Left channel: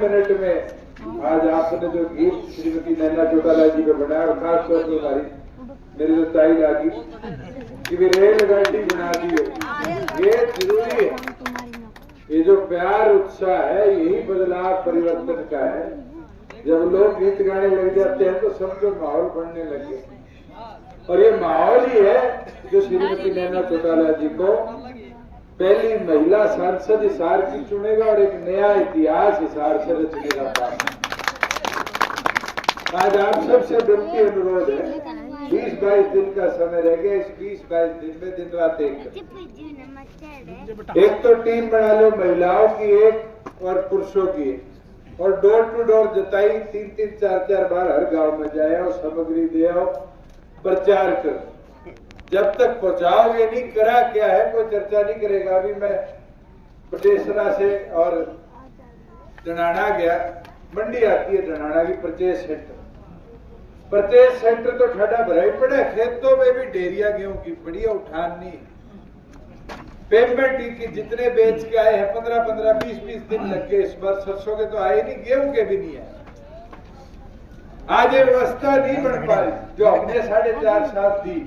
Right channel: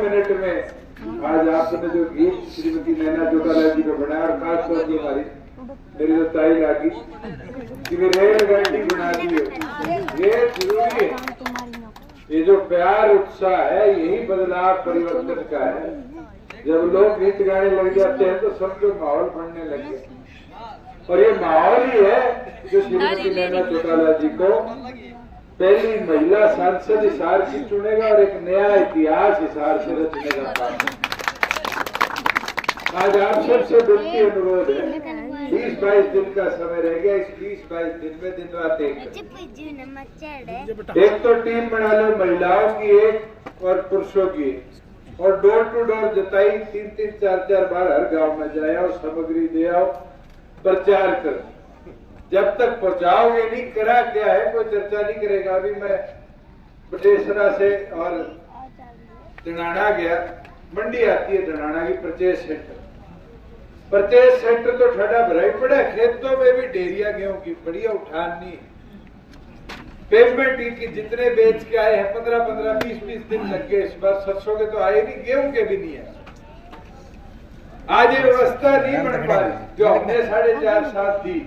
Minute में आज आपने जो गीत श्रीमती नैना चौटाला जी को बनाया, और खासतौर पर हमारी मेरी जो ताई लागी कि वे रेलगाड़ी बना दी हो, ये जरूरी है। ये जो प्यार उत्साह है यही बदलाव परिवर्तन का है। जब लोग गीत गाने लग जाते हैं तो सबके माहौल बनने लगे, और ये माहौल ही है जो श्रीमती नैना चौटाला जी को पहली महिला सांसद हिसार की चुनेगा और एक नया इतिहास हिसार से रचने का काम। आज आप सबसे विनती अनुरोध है, 20-22 दिन का समय रह गया। इस 20-22 दिन में दिन रात एक तो टीम बना लो, महिलाओं की एक और पुरुषों की एक, और डोर टू डोर जताई 3-3, 4-4 बार हर गांव में जाए और सामग्री दे आओ, प्रचार कर। जब तक पहुंचाओगे नहीं, करा क्या है कोई चर्चा नहीं करेगा। अभी मैं बटेसरा से और डनाना गया, मंडी आती है डनाना की परचेज सेंटर। परचेज सेंटर तो ठंडा भरा ही पड़ा, खेतों में भी ढेरिया गेहूं की बढ़िया उठान नहीं। पेमेंट की जितने बेच के आए हैं 15-15, 20-20 दिन लग गए। इस बार सरसों के तो आए नहीं, गेहूं के भी नहीं है। आज ये व्यवस्था नहीं बन पा रही जो हमने 4.5 साल दी।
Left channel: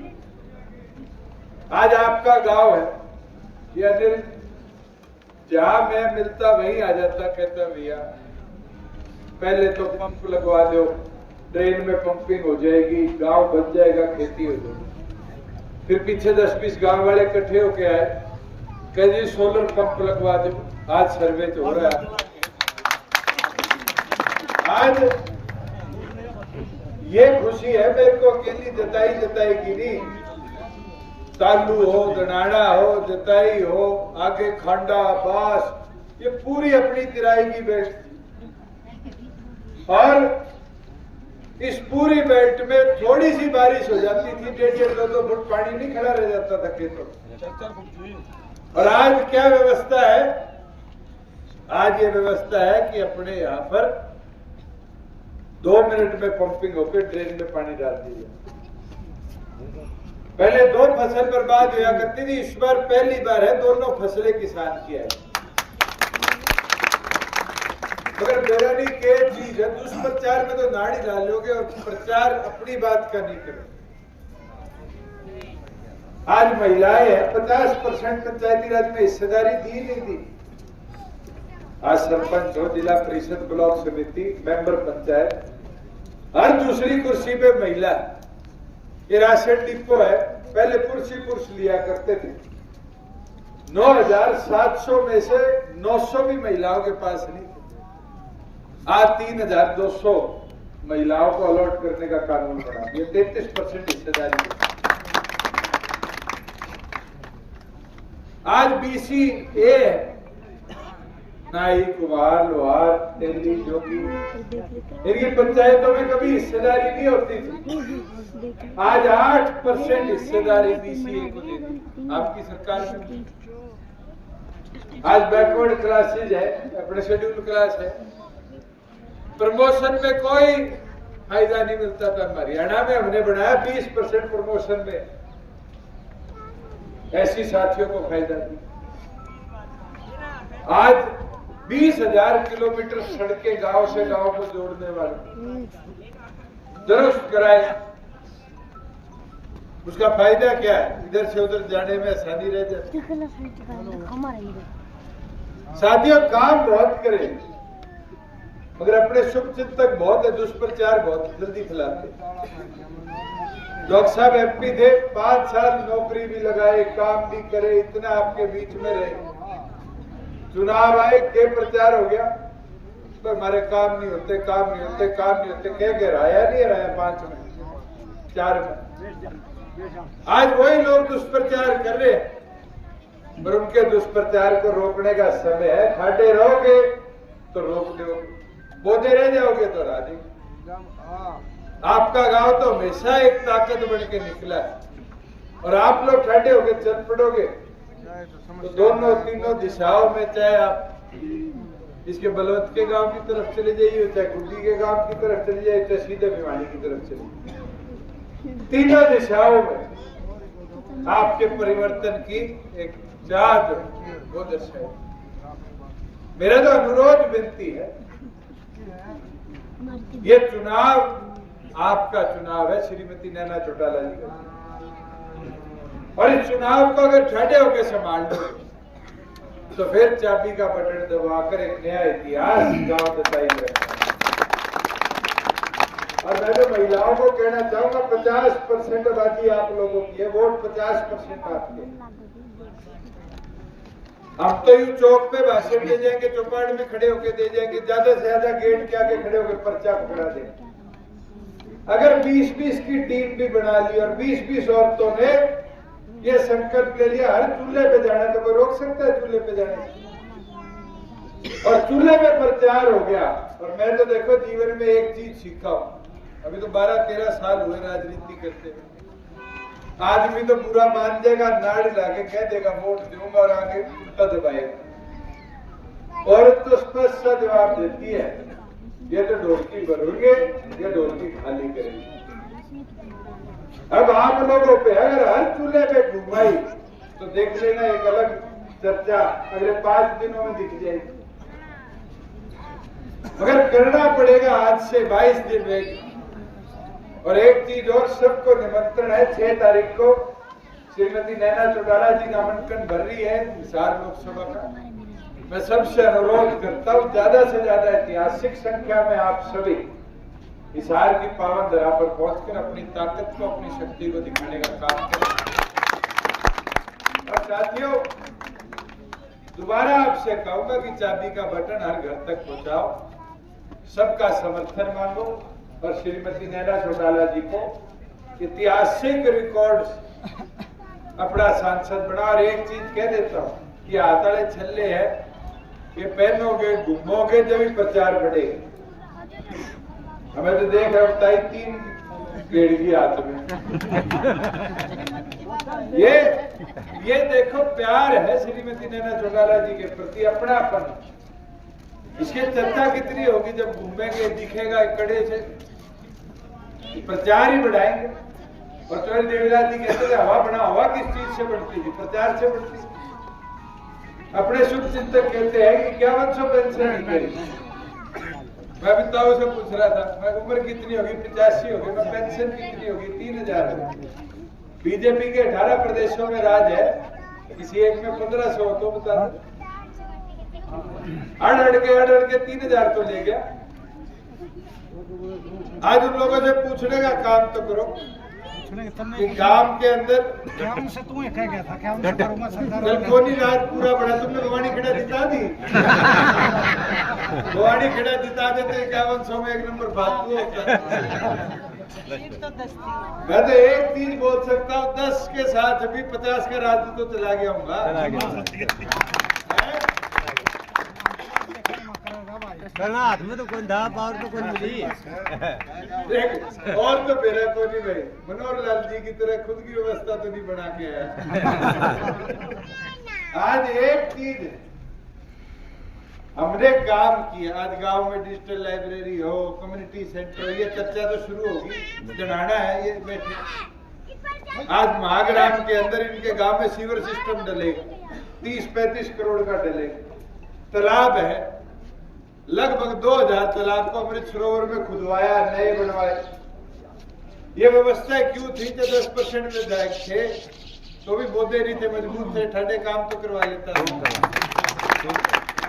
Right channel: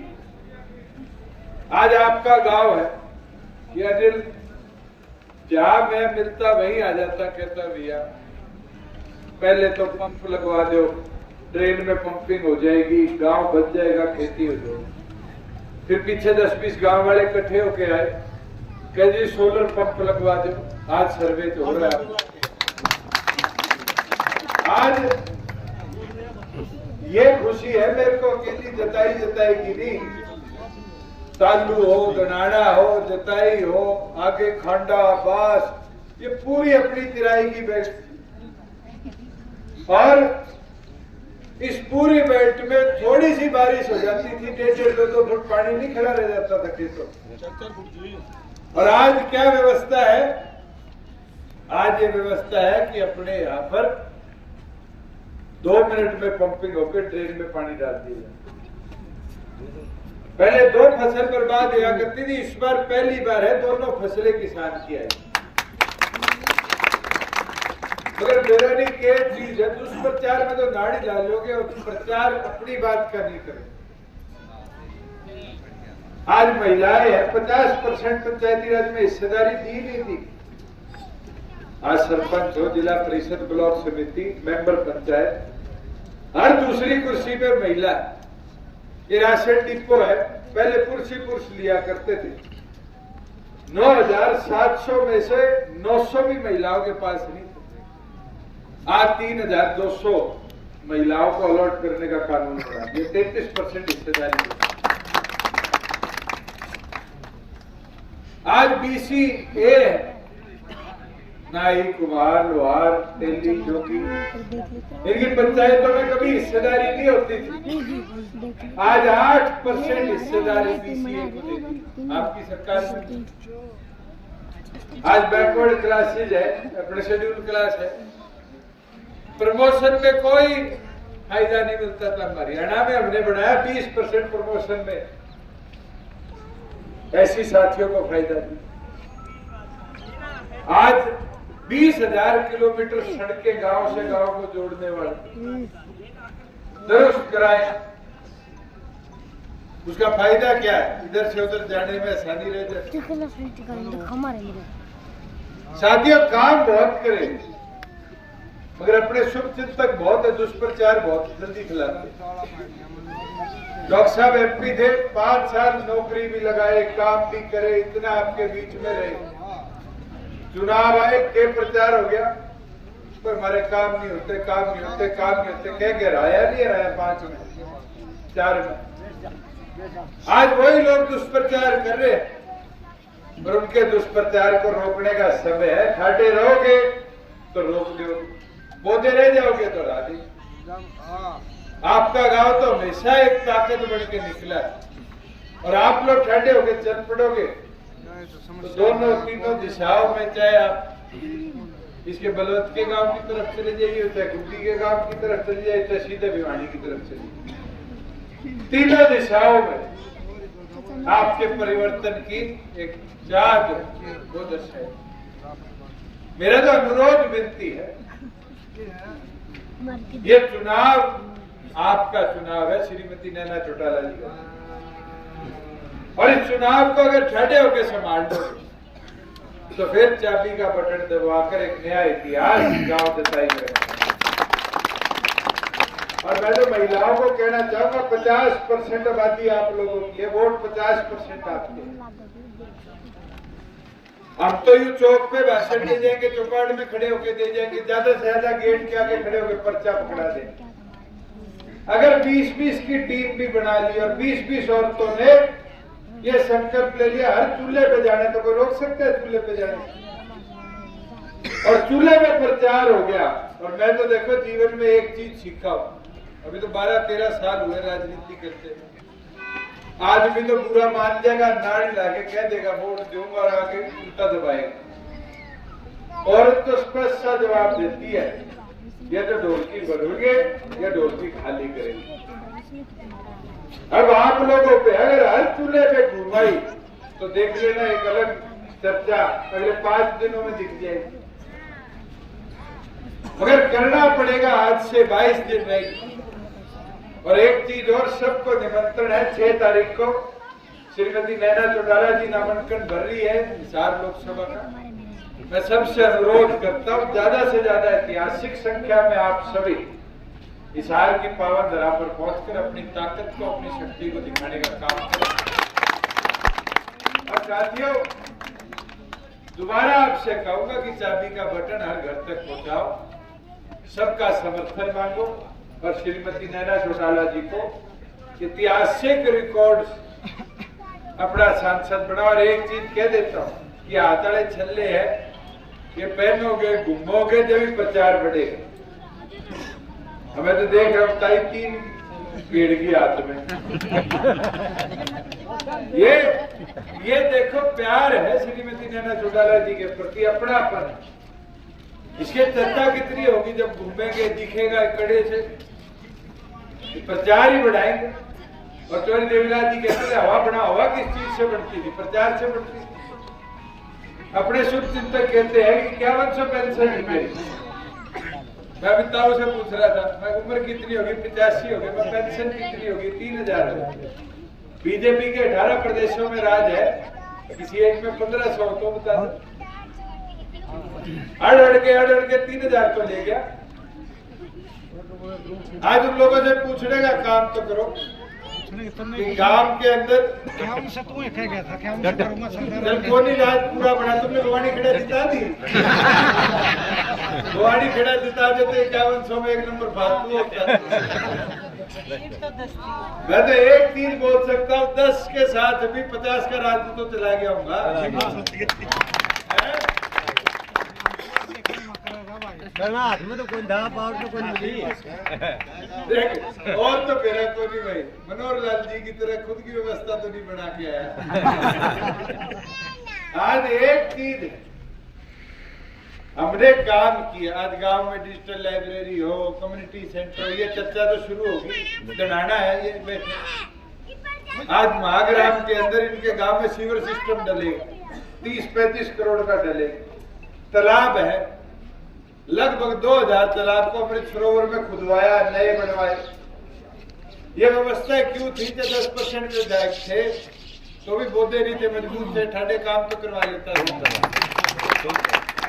आज आपका गांव है कि अनिल जहां मैं मिलता वहीं आ जाता, कहता भैया पहले तो पंप लगवा दो, ड्रेन में पंपिंग हो जाएगी, गांव बच जाएगा, खेती हो जाएगी। फिर पीछे 10-20 गांव वाले इकट्ठे होके आए, कह जी सोलर पंप लगवा दो। आज सर्वे तो हो रहा है। आज ये खुशी है मेरे को, अकेली जताई की नहीं। तालू हो, दनाना हो, जताई हो, आगे खांडा, बास, ये पूरी अपनी किराए की बेल्ट, और इस पूरी बेल्ट में थोड़ी सी बारिश हो जाती थी, 1.5-2 फुट पानी नहीं खड़ा रह जाता था खेतों। और आज क्या व्यवस्था है? आज ये व्यवस्था है कि अपने यहाँ पर 2 मिनट में पंपिंग होकर ड्रेन में पानी डाल दिया। पहले 2 फसल बर्बाद हुआ करती थी, इस बार पहली बार है 2 फसलें किसान की है। मगर मेरा नहीं के चीज है, दुष्प्रचार में तो नाड़ी डालोगे और प्रचार अपनी बात का नहीं करोगे। आज महिलाएं हैं, 50% पंचायती राज में हिस्सेदारी दी नहीं थी। आज सरपंच हो, जिला परिषद, ब्लॉक समिति, मेंबर पंचायत, हर दूसरी कुर्सी पे महिला। ये राशन डिपो है, पहले पुरुष लिया करते थे। 9,700 में से 900 भी महिलाओं के पास नहीं थे। आज 3,200 महिलाओं को अलॉट करने का कानून बना दिया, 33% हिस्सेदारी। आज BCA है, नाई, कुमार, लोहार, तेली, जोगी, इनकी पंचायतों में कभी हिस्सेदारी नहीं होती थी। आज 8% हिस्सेदारी BCA को देती आपकी सरकार में। आज बैकवर्ड क्लासेज है, अपने शेड्यूल क्लास है, प्रमोशन में कोई फायदा नहीं मिलता था। हरियाणा में हमने बढ़ाया 20% प्रमोशन में, ऐसी साथियों को फायदा दिया। आज 20,000 किलोमीटर सड़कें गांव से गांव को जोड़ने वाले दुरुस्त कराए। उसका फायदा क्या है? इधर से उधर जाने में आसानी रह जाती। साथियों, काम बहुत करें मगर अपने शुभ चिंतक बहुत है, दुष्प्रचार बहुत जल्दी फैलाते। डॉक्टर साहब MP थे, 5 साल नौकरी भी लगाए, काम भी करे, इतना आपके बीच में रहे। चुनाव आए के प्रचार हो गया, तो हमारे काम नहीं होते, कह के हराया नहीं हराया 5 में, 4 में। आज वही लोग दुष्प्रचार कर रहे हैं, और उनके दुष्प्रचार को रोकने का समय है। ठाटे रहोगे तो रोक दोगे, बोधे रह जाओगे तो हरा देंगे। आपका गांव तो हमेशा एक ताकत बन के निकला है, और आप लोग ठंडे होकर चल पड़ोगे तो दोनों तीनों दिशाओं में, चाहे आप इसके बलवत के गांव की तरफ चले जाइए, चाहे गुड्डी के गांव की तरफ चले जाइए, चाहे सीधे भिवानी की तरफ चले जाइए, तीनों दिशाओं में आपके परिवर्तन की एक चाहत वो दर्शाए। मेरा तो अनुरोध विनती है, ये चुनाव आपका चुनाव है श्रीमती नैना चौटाला जी का, और इस चुनाव को अगर ठंडे होकर संभाल लो तो फिर चाबी का बटन दबाकर एक नया इतिहास गांव जताएंगे। और मैं तो महिलाओं को कहना चाहूंगा, 50% आबादी आप लोगों की है, वोट 50% आपके। हम तो यूं चौक पे भाषण दे जाएंगे, चौपाट में खड़े होके दे जाएंगे, ज्यादा से ज्यादा गेट के आगे खड़े होके पर्चा पकड़ा देंगे। अगर 20-20 की टीम भी बना ली और 20-20 औरतों ने ये संकल्प ले लिया हर चूल्हे पे जाने, तो कोई रोक सकता है चूल्हे पे जाने? और चूल्हे पे प्रचार हो गया। और मैं तो देखो जीवन में एक चीज सीखा हूं, अभी तो 12-13 साल हुए राजनीति करते हुए। आदमी तो बुरा मान जाएगा, नाड़ी लाके कह देगा वोट दूंगा और आगे उल्टा दबाएगा। औरत तो स्पष्ट सा जवाब देती है, ये तो ढोलकी बदलोगे, ये ढोलकी खाली करेगी। अब आप लोगों पे अगर हर चूल्हे पे घुमाई तो देख लेना एक अलग चर्चा अगले 5 दिनों में दिख जाएगी। मगर करना पड़ेगा, आज से 22 दिन रहेगी। और एक चीज और, सबको निमंत्रण है 6 तारीख को श्रीमती नैना चौटाला जी नामांकन भर रही है हिसार लोकसभा का। मैं सबसे अनुरोध करता हूं ज्यादा से ज्यादा ऐतिहासिक संख्या में आप सभी हिसार की पावन धरा पर पहुंचकर अपनी ताकत को, अपनी शक्ति को दिखाने का काम करें। और साथियों, दोबारा आपसे कहूंगा कि चाबी का बटन हर घर तक पहुंचाओ, सबका समर्थन मांगो और श्रीमती नैना चौटाला जी को ऐतिहासिक रिकॉर्ड अपना सांसद बना। और एक चीज कह देता हूं कि आताड़े छल्ले है, ये पहनोगे घूमोगे जब भी प्रचार बढ़ेगा। हमें तो देख रहे होता ही 3 गेड़ की हाथ में। ये देखो प्यार है श्रीमती नैना चौटाला जी के प्रति, अपनापन है। इसकी चर्चा कितनी होगी जब घूमेंगे, दिखेगा कड़े से, प्रचार ही बढ़ाएंगे। और चौधरी देवीलाल जी कहते थे हवा बना, हवा किस चीज से बढ़ती थी? प्रचार से बढ़ती थी। अपने शुभ चिंतक कहते हैं कि 5100 पेंशन नहीं करी। मैं अमिताभ से पूछ रहा था, मैं उम्र कितनी होगी? 85 होगी। मैं पेंशन कितनी होगी? 3000 होगी। बीजेपी के 18 प्रदेशों में राज है, किसी एक में 1500 हो तो बता दो। अड़ के 3000 तो ले गया। आज उन लोगों से पूछने का काम तो करो कि गांव के अंदर काम से तुम्हें क्या गया था? क्या जब कोनी रात पूरा बना, तुमने भवानी खेड़ा जिता दी। भवानी खेड़ा जिता देते 5100 में 1 नंबर फालतू होता। मैं तो एक चीज बोल सकता हूँ, 10 के साथ भी 50 का राज्य तो चला गया हूँ। हाथ में तो कोई था, पावर तो कोई मिली। और तो मेरा कोई नहीं, मनोहर लाल जी की तरह खुद की व्यवस्था तो नहीं बना के आया। आज एक चीज हमने काम किया, आज गांव में डिजिटल लाइब्रेरी हो, कम्युनिटी सेंटर हो, ये चर्चा तो शुरू होगी, जनाना है ये बैठे। आज महाग्राम के अंदर इनके गांव में सीवर सिस्टम डलेगा, 30-35 करोड़ का डलेगा। तालाब है, लगभग 2000 तालाब को अमृत सरोवर में खुदवाया, नए बनवाए। ये व्यवस्था क्यों थी? जब 10% विधायक थे तो भी बोधे नहीं थे, मजबूत थे, ठंडे काम तो करवा लेता था।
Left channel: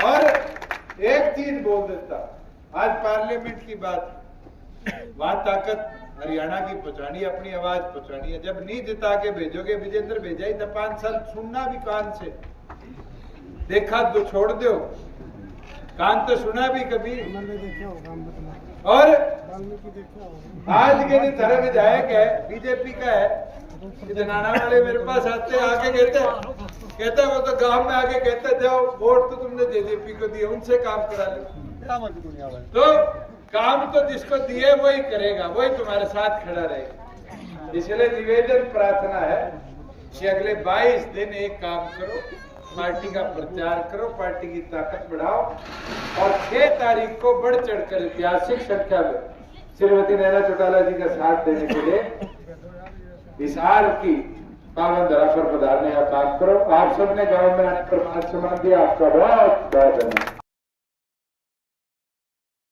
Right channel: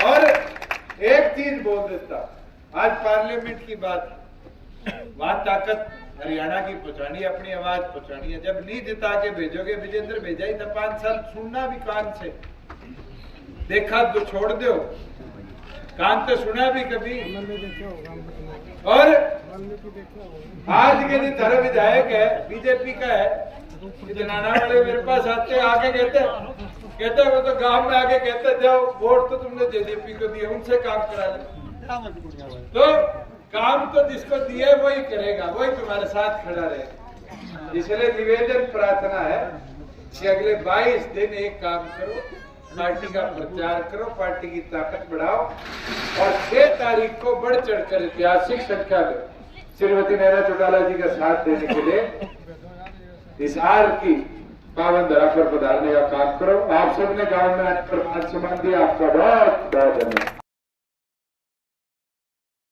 और एक चीज बोल देता, आज पार्लियामेंट की बात, वहां ताकत हरियाणा की पहुंचानी है, अपनी आवाज पहुंचानी है। जब नहीं जिता के भेजोगे, विजेंद्र भेजा ही था 5 साल, सुनना भी कान से, देखा तो छोड़ दो, कान तो सुना भी कभी। और आज के दिन धर्म विधायक है, बीजेपी का है, जनाना वाले मेरे पास आते आके कहते वो तो गांव में आके कहते जाओ वोट तो तुमने जेजेपी को दिए, उनसे काम करा लो। तो काम तो जिसको दिए वही करेगा, वही तुम्हारे साथ खड़ा रहेगा। इसलिए निवेदन प्रार्थना है कि अगले 22 दिन एक काम करो, पार्टी का प्रचार करो, पार्टी की ताकत बढ़ाओ और 6 तारीख को बढ़ चढ़कर ऐतिहासिक संख्या में श्रीमती नैना चौटाला जी का साथ देने के लिए हिसार की पावन धरा पर पधारने का काम करो। आप सबने गांव में आने पर मान सम्मान दिया, आपका बहुत बहुत धन्यवाद।